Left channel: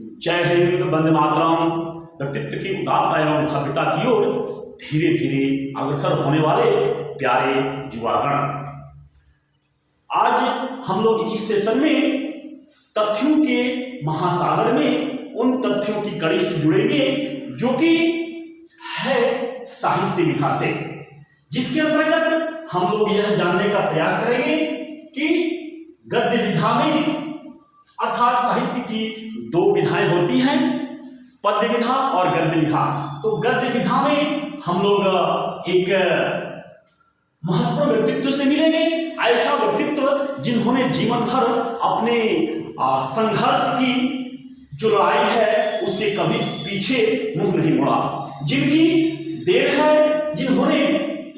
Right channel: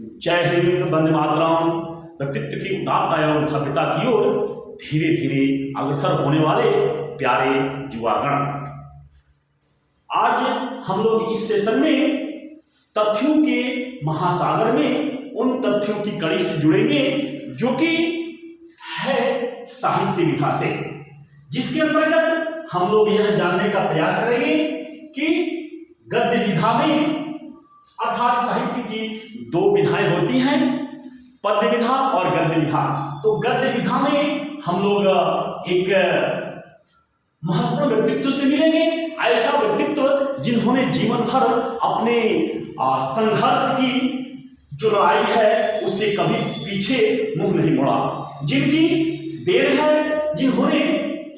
जय हिंद, वंदे मातरम। व्यक्तित्व की उदारता एवं भव्यता की ओर धीरे धीरे अग्रसर होने वाले प्यारे युवागण, आज हम लोग इस सेशन में तथ्यों के महासागर में उन तथ्यों की कड़ी से जुड़ेंगे जो कि है साहित्य विधा से, जिसके अंतर्गत हम लोग यह जानने का प्रयास करेंगे कि गद्य विधा में अर्थात साहित्य की दो विधाएं होती हैं, पद्य विधा और गद्य विधा। तो गद्य विधा में हम लोग एक महत्वपूर्ण व्यक्तित्व से मिलेंगे, ऐसा व्यक्तित्व जिन्होंने जीवन भर अपने संघर्ष की जो लड़ाई है उससे कभी पीछे मुंह नहीं मोड़ा, जिनकी देर है, जिन्होंने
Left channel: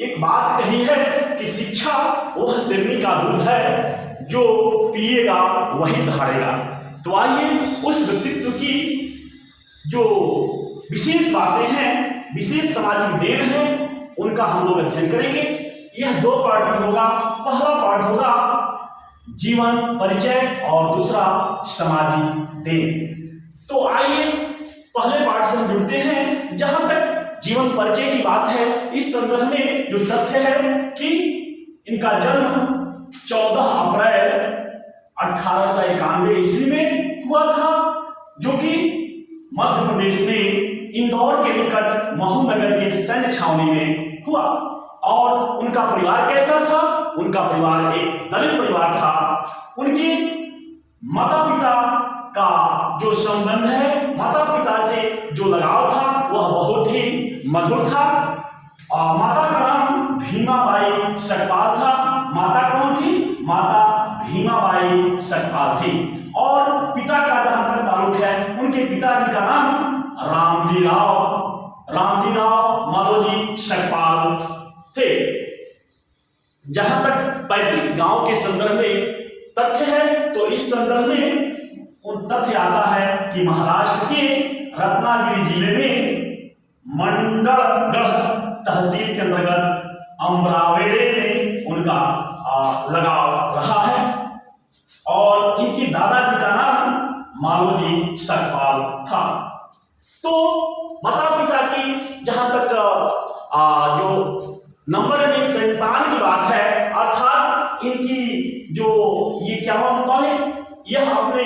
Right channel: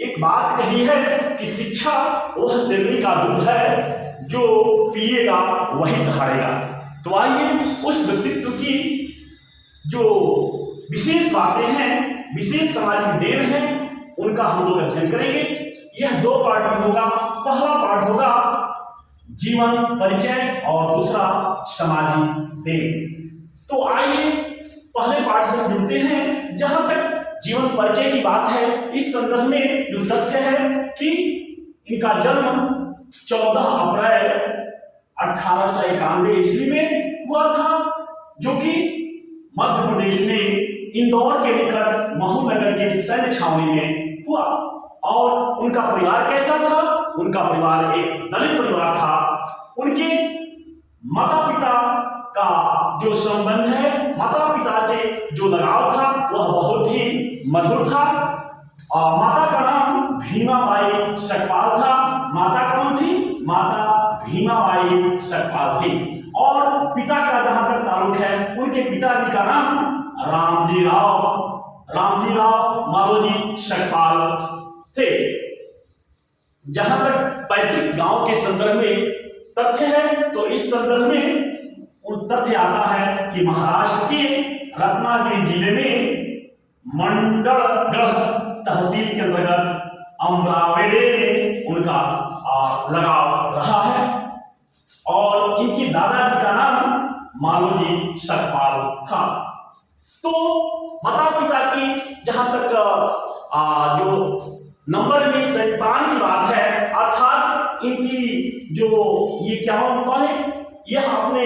एक बात कही है कि शिक्षा वह सिरनी का दूध है, जो पिएगा वही धारेगा। तो आइए उस व्यक्तित्व की जो विशेष बातें हैं, विशेष सामाजिक देन है, उनका हम लोग अध्ययन करेंगे। यह दो पार्ट में होगा। पहला पार्ट होगा जीवन परिचय और दूसरा सामाजिक देन। तो आइए पहले पार्ट से हम जुड़ते हैं। जहां तक जीवन परिचय की बात है, इस संदर्भ में जो तथ्य है कि इनका जन्म 14 अप्रैल 1891 ईस्वी में हुआ था, जो कि मध्य प्रदेश में इंदौर के निकट महू नगर के सैन्य छावनी में हुआ। और उनका परिवार कैसा था? उनका परिवार एक दलित परिवार था। उनके माता पिता का जो संबंध है, माता पिता से जो लगाव था, वह बहुत ही मधुर था। माता का नाम भीमाबाई सकपाल था। माता कौन थी? माता भीमाबाई सकपाल थी। और पिता का जहां तक ताल्लुक है, उनके पिताजी का नाम रामजी राव माधोजी सकपाल थे। जहां तक पैतृक गांव के संदर्भ में तथ्य है, तो इस संदर्भ में उन तथ्य आता है कि महाराष्ट्र के रत्नागिरी जिले में मंडलगढ़ तहसील के अंतर्गत अमरावेड़े में उनका लगाव रहा है। और इनके दादाजी का नाम मालोजी सकपाल था। तो माता पिता की जहां तक जो नंबर में संतान की बात है, अर्थात इनकी जो ये क्या होता है, यह अपने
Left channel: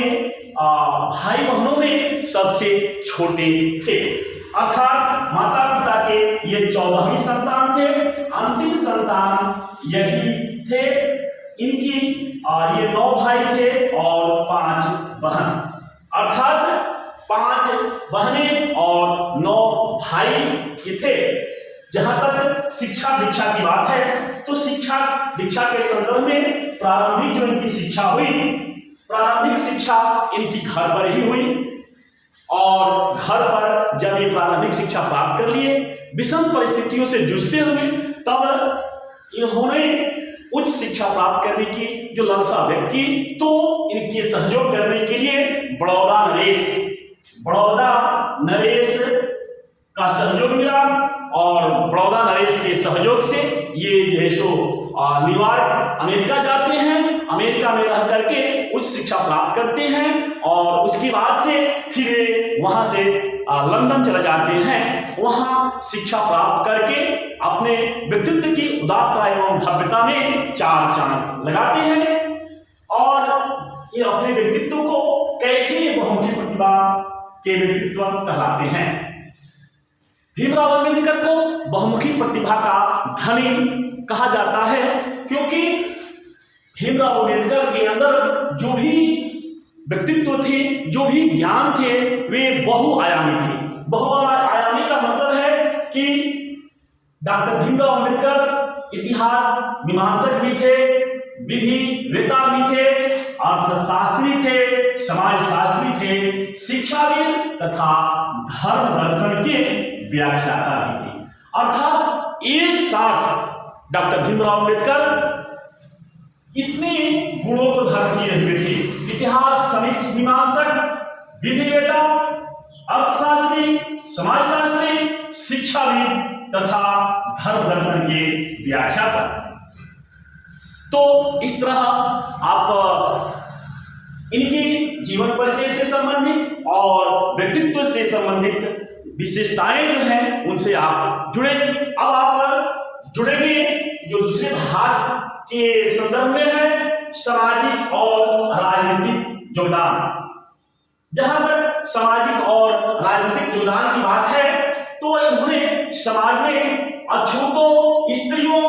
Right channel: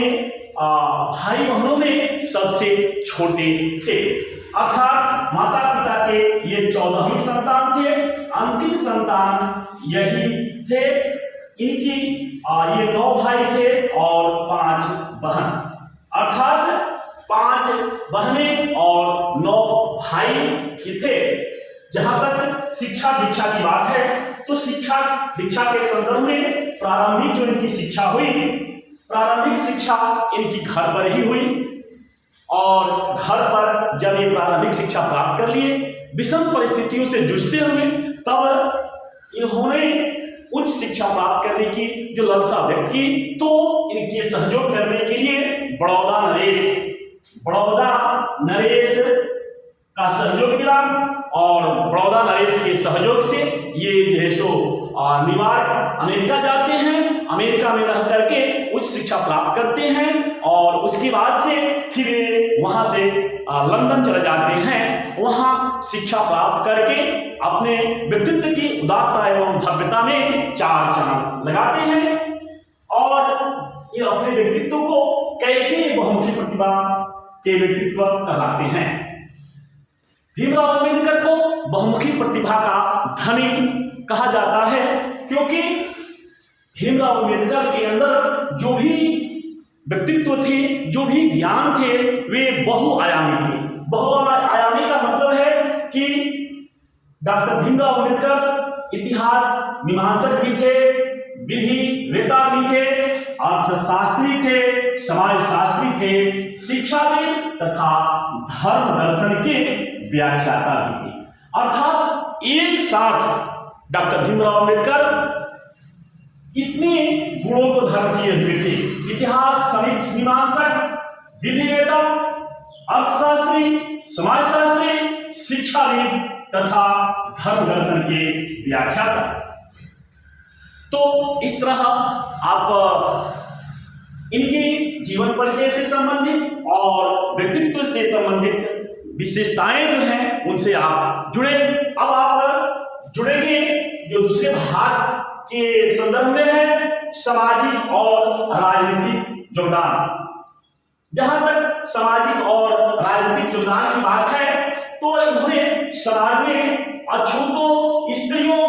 भाई बहनों में सबसे छोटे थे। अर्थात माता पिता के ये 14वीं संतान थे, अंतिम संतान यही थे। इनकी ये 9 भाई थे और 5 बहन, अर्थात 5 बहनें और 9 भाई थे। जहां तक शिक्षा दीक्षा की बात है, तो शिक्षा दीक्षा के संदर्भ में प्रारंभिक जो इनकी शिक्षा हुई, प्रारंभिक शिक्षा इनकी घर पर ही हुई। और घर पर जब ये प्रारंभिक शिक्षा प्राप्त कर लिए, विषम परिस्थितियों से जूझते हुए, तब इन्होंने उच्च शिक्षा प्राप्त करने की जो लालसा व्यक्त की, तो इनके सहयोग करने के लिए बड़ौदा नरेश का सहयोग मिला। और बड़ौदा नरेश के सहयोग से ये जो है सो न्यूयॉर्क अमेरिका जाते हैं, अमेरिका में रह करके उच्च शिक्षा प्राप्त करते हैं। और उसके बाद से फिर वहां से लंदन चले जाते हैं, वहां शिक्षा प्राप्त करके अपने व्यक्तित्व की उदारता एवं भव्यता में 4 चांद लगाते हैं। और ये अपने व्यक्तित्व को कैसे बहुमुखी प्रतिभा के व्यक्तित्व कहलाते हैं। भीमराव अम्बेडकर को बहुमुखी प्रतिभा का धनी कहा जाता है, क्योंकि भीमराव अम्बेडकर के अंदर जो भी व्यक्तित्व थे, जो भी ज्ञान थे, वे बहुआयामी थे। बहुआयामी का मतलब है कि डॉक्टर भीमराव अम्बेडकर इतिहास मीमांसक भी थे, विधि वेता भी थे, अर्थशास्त्री थे, समाजशास्त्री थे, शिक्षाविद तथा धर्म दर्शन के व्याख्याता भी थे। अर्थात एक साथ डॉक्टर भीमराव अम्बेडकर इतने गुणों को धारण किए हुए थे: इतिहास मीमांसक, विधिवेता, अर्थशास्त्री, समाजशास्त्री, शिक्षाविद तथा धर्म दर्शन के व्याख्याता। तो इस तरह आप इनकी जीवन परिचय से संबंधित और व्यक्तित्व से संबंधित विशेषताएं जो हैं उनसे आप जुड़े। अब आप जुड़ेंगे जो दूसरे भाग के संदर्भ में है सामाजिक और राजनीतिक योगदान। जहां तक सामाजिक और राजनीतिक योगदान की बात है तो इन्होंने समाज में अछूतों, स्त्रियों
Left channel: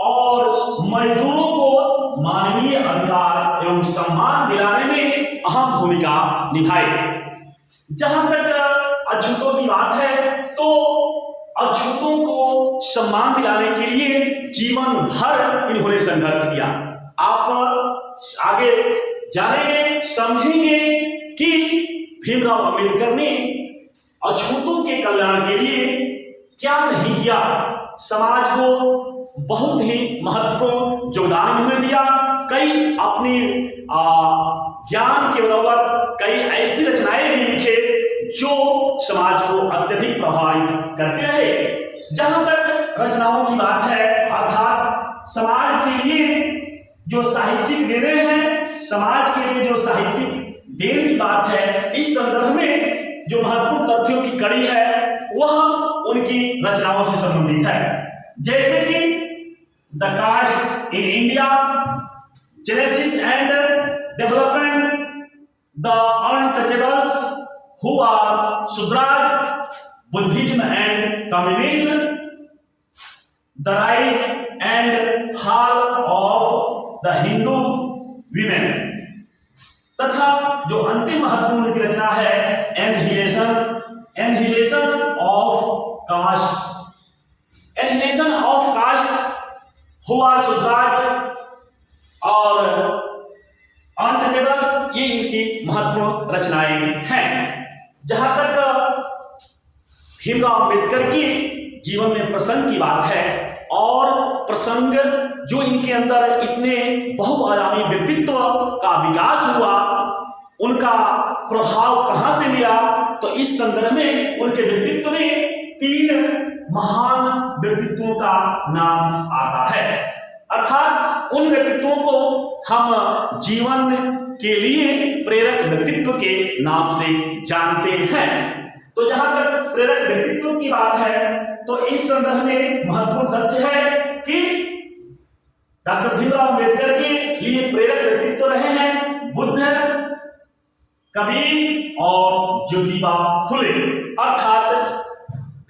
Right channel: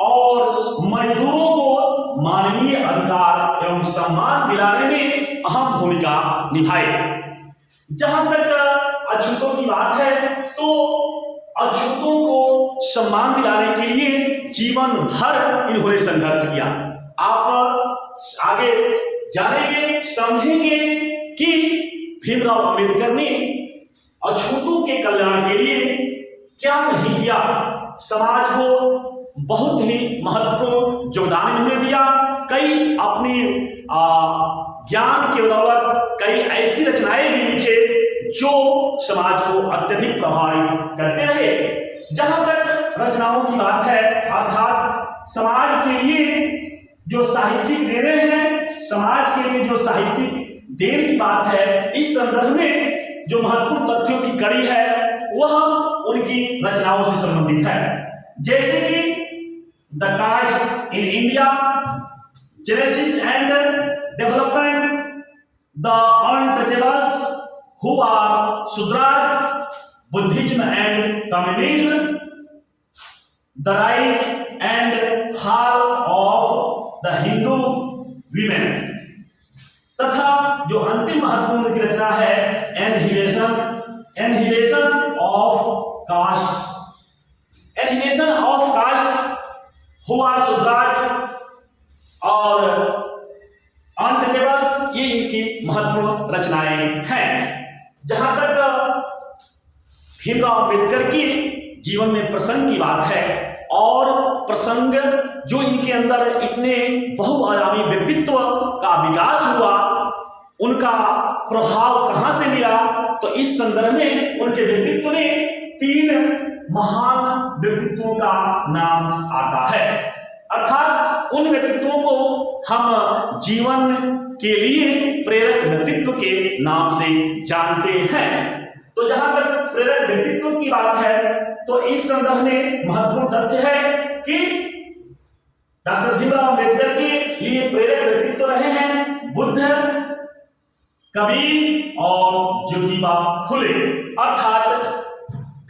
और मजदूरों को मानवीय अधिकार एवं सम्मान दिलाने में अहम भूमिका निभाई। जहां तक अछूतों की बात है तो अछूतों को सम्मान दिलाने के लिए जीवन भर इन्होंने संघर्ष किया। आप आगे जानेंगे, समझेंगे कि भीमराव अंबेडकर ने अछूतों के कल्याण के लिए क्या नहीं किया। समाज को बहुत ही महत्वपूर्ण योगदान इन्होंने दिया। कई अपनी ज्ञान के बदौलत कई ऐसी रचनाएं भी लिखे जो समाज को अत्यधिक प्रभावित करते रहे। जहां तक रचनाओं की बात है अर्थात समाज के लिए जो साहित्यिक देने हैं, समाज के लिए जो साहित्यिक देन की बात है, इस संदर्भ में जो महत्वपूर्ण तथ्यों की कड़ी है वह उनकी रचनाओं से संबंधित है। जैसे कि the caste in India, genesis and development, the untouchables who are Shudras, Buddhism and communism, the rise and fall of the Hindu women, तथा जो अंतिम महत्वपूर्ण की रचना है annihilation of caste, annihilation of caste who are Shudras और अनटचेबल्स, ये इनकी महत्वपूर्ण रचनाएं हैं। जहां तक भीमराव अंबेडकर की जीवन में प्रसंग की बात है और प्रसंग जो इनके अंदर इतने बहुआयामी व्यक्तित्व का विकास हुआ, उनका प्रभाव कहां से लिया, तो इस संदर्भ में उनके व्यक्तित्व में 3 महान व्यक्तित्वों का नाम आता है। अर्थात उन व्यक्तित्वों को हम जीवन के लिए प्रेरक व्यक्तित्व के नाम से जानते हैं। तो जहां तक प्रेरक व्यक्तित्व की बात है तो इस संदर्भ में महत्वपूर्ण तथ्य है कि डॉक्टर भीमराव अंबेडकर के लिए प्रेरक व्यक्तित्व रहे हैं बुद्ध, कबीर और ज्योतिबा फुले। अर्थात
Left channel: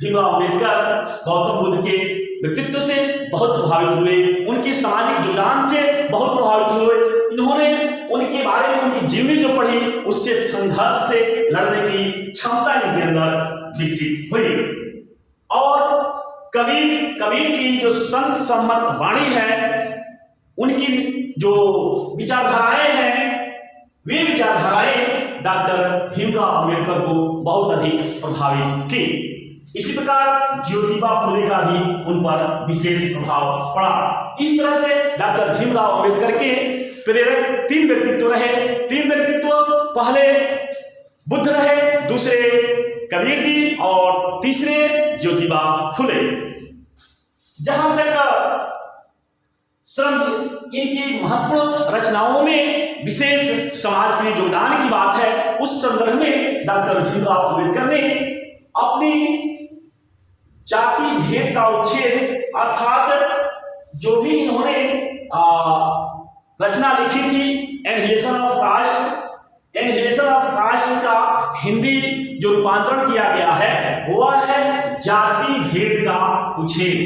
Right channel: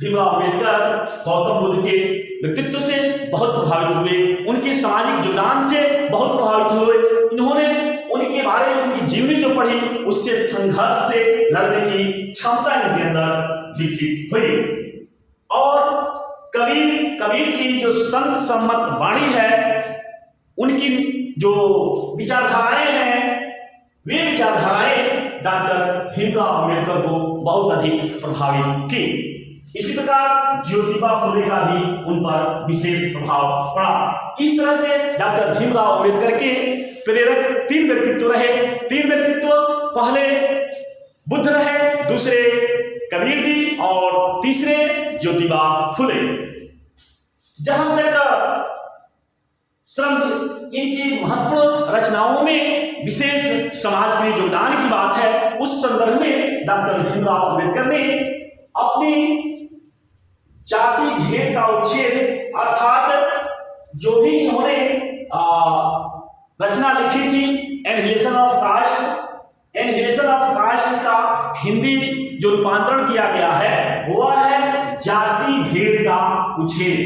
भीमराव अंबेडकर गौतम बुद्ध के व्यक्तित्व से बहुत प्रभावित हुए, उनके सामाजिक योगदान से बहुत प्रभावित हुए। इन्होंने उनके बारे में उनकी जीवनी जो पढ़ी उससे संघर्ष से लड़ने की क्षमता इनके अंदर विकसित हुई। और कबीर की जो संत सम्मत वाणी है, उनकी जो विचारधाराएं हैं, वे विचारधाराएं डॉक्टर भीमराव अंबेडकर को बहुत अधिक प्रभावित की। इसी प्रकार ज्योतिबा फुले का भी उन पर विशेष प्रभाव पड़ा। इस तरह से डॉक्टर भीमराव अंबेडकर के प्रेरक 3 व्यक्तित्व रहे। 3 व्यक्तित्व, पहले बुद्ध रहे, दूसरे कबीर जी और तीसरे ज्योतिबा फुले। जहां तक श्रम इनकी महत्वपूर्ण रचनाओं में विशेष समाज के योगदान की बात है, उस संदर्भ में डॉक्टर भीमराव अंबेडकर ने अपनी जाति भेद का उच्छेद अर्थात जो भी इन्होंने रचना लिखी थी annihilation of caste, annihilation of caste का हिंदी जो रूपांतरण किया गया है वह है जाति भेद का उच्छेद,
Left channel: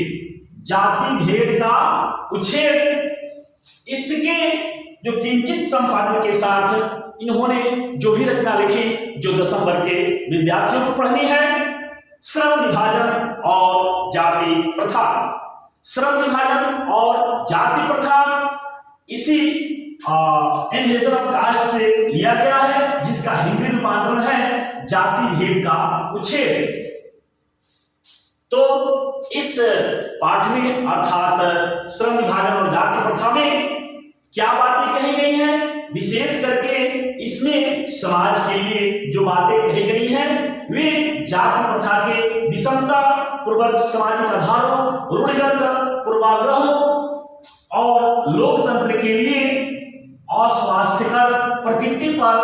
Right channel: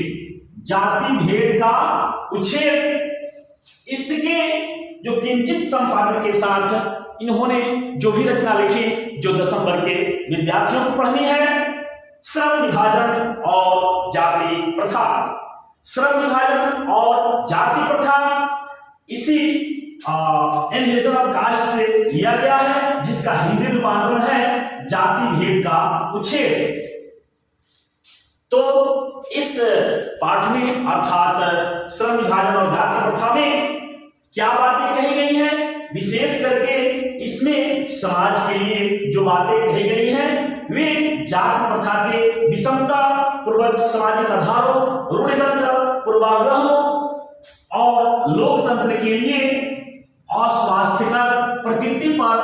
जाति भेद का उच्छेद। इसके जो किंचित संपादन के साथ इन्होंने जो भी रचना लिखी जो 10वीं वर्ग के विद्यार्थियों को पढ़नी है, श्रम विभाजन और जाति प्रथा। श्रम विभाजन और जाति प्रथा इसी एनहिलेशन ऑफ कास्ट से लिया गया है, जिसका हिंदी रूपांतरण है जाति भेद का उच्छेद। तो इस पाठ में अर्थात श्रम विभाजन और जाति प्रथा में क्या बातें कही गई हैं, विशेष करके इसमें समाज के लिए जो बातें कही गई हैं वे जाति प्रथा के विषमता पूर्वक सामाजिक आधारों, रूढ़िगत पूर्वाग्रहों और लोकतंत्र के लिए और स्वास्थ्यकर प्रकृति पर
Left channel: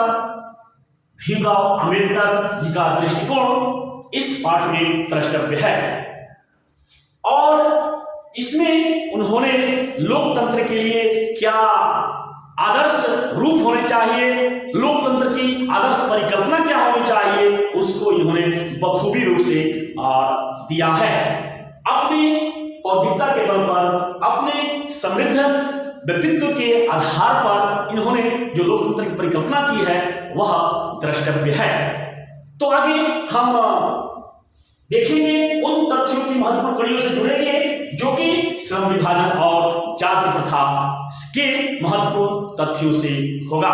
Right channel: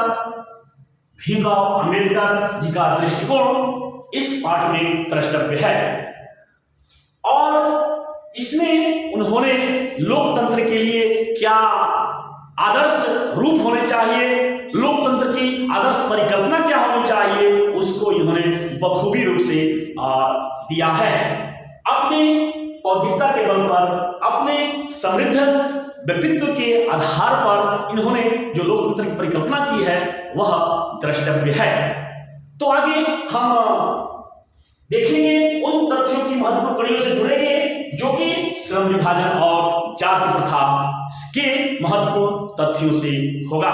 भीमराव अंबेडकर जी का दृष्टिकोण इस पाठ में द्रष्टव्य है। और इसमें उन्होंने लोकतंत्र के लिए क्या आदर्श रूप होने चाहिए, लोकतंत्र की आदर्श परिकल्पना क्या होनी चाहिए, उसको इन्होंने बखूबी रूप से दिया है। अपनी बौद्धिकता के बल पर, अपने समृद्ध व्यक्तित्व के आधार पर इन्होंने जो लोकतंत्र की परिकल्पना की है वह द्रष्टव्य है। तो आगे हम देखेंगे उन तथ्यों की महत्वपूर्ण कड़ियों से जुड़ेंगे जो कि श्रम विभाजन और जाति प्रथा के महत्वपूर्ण तथ्यों से होगा।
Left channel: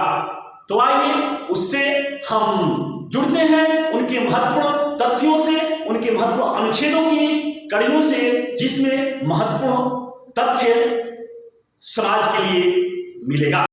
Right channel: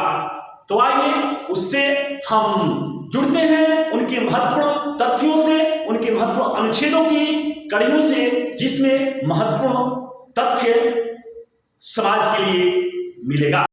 तो आइए उससे हम जुड़ते हैं, उनके महत्वपूर्ण तथ्यों से, उनके महत्वपूर्ण अनुच्छेदों की कड़ियों से, जिसमें महत्वपूर्ण तथ्य समाज के लिए मिलेगा।